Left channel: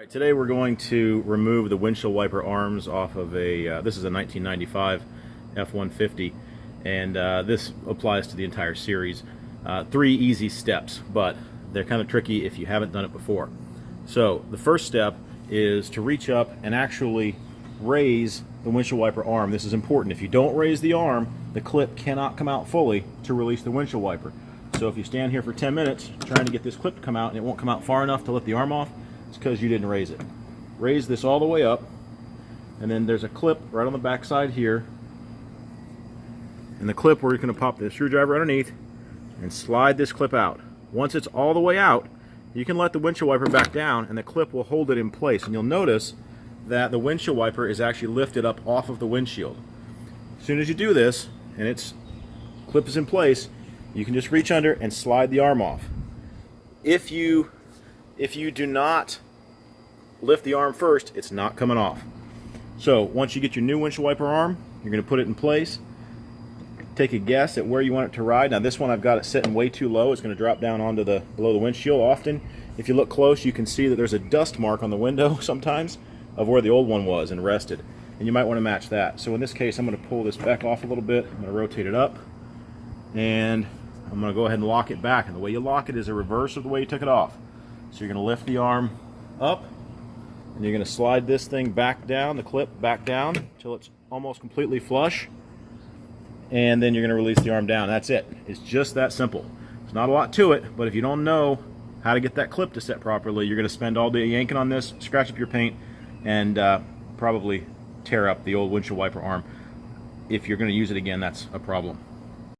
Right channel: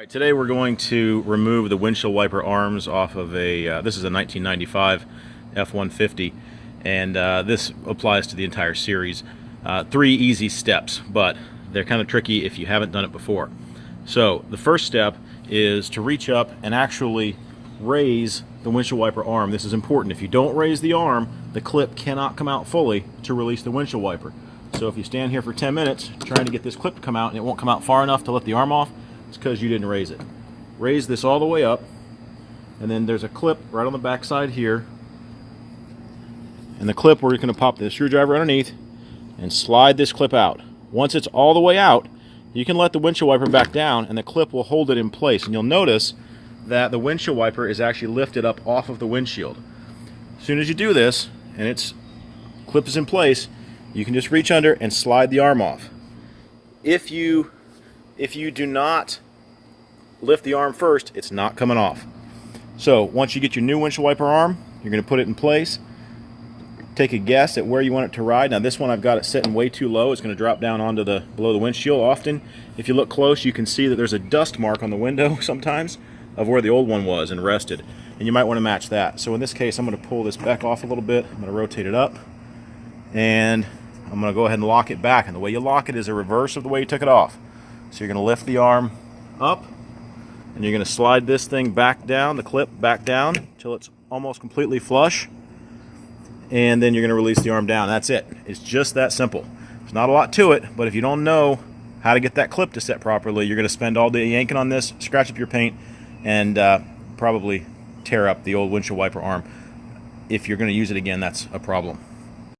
Right, today we're going to remove the windshield wiper arms off of this is a 1995 F150, and this applies to the entire series. 3 easy steps, but they're kind of tricky if you haven't done it before. So the first step is to reach up and actually raise the windshield wiper arm. This is important. If you don't raise the arm, the clip cannot come out fully to release the windshield wiper. So if you stand here for 10 minutes trying to get this clip to come out and it won't come out far enough to let the arm off, it's because you didn't raise it. Raise this all the way up, and then there's a clip right on the back side here. And the clip where you're going to pop the screwdriver underneath and slide this clip out. Once it's all the way out, you can let the windshield wiper back down and the clip will hold it in place. And you'll notice that the windshield wiper is actually lifted up off of the windshield. As soon as you do this and its clip is in place, you can just reach under and slide the arm off. If you do not lift the arm first, it's not coming off. So once you get your new windshield wiper arm, you're going to put it in place. Take a guess at where you want it to ride. Now this one I've got it sitting way too low. It's going to drop down onto below the windshield often. If you look close, you can see that there's a dust mark on the window sometimes of where the old one was and rested. And you might want to match that. So in this case, I'm going to pull this back off a little bit. I'm going to rotate it up. And I'm going to go ahead and lock it back. And the way you lock it is a reverse of the way you took it off. So you're going to lift the arm up, and you're going to slide this thing back down, the clip back down, until it's almost completely flush. And then you're going to release the arm down. That's it. It's just that simple. There's not a lot to it, but if you don't know how to get that clip to set properly, you're going to spend all day yanking on this, scratch up your paint, and probably tear up the old windshield wiper arm. If you're going to use it again, that's a problem.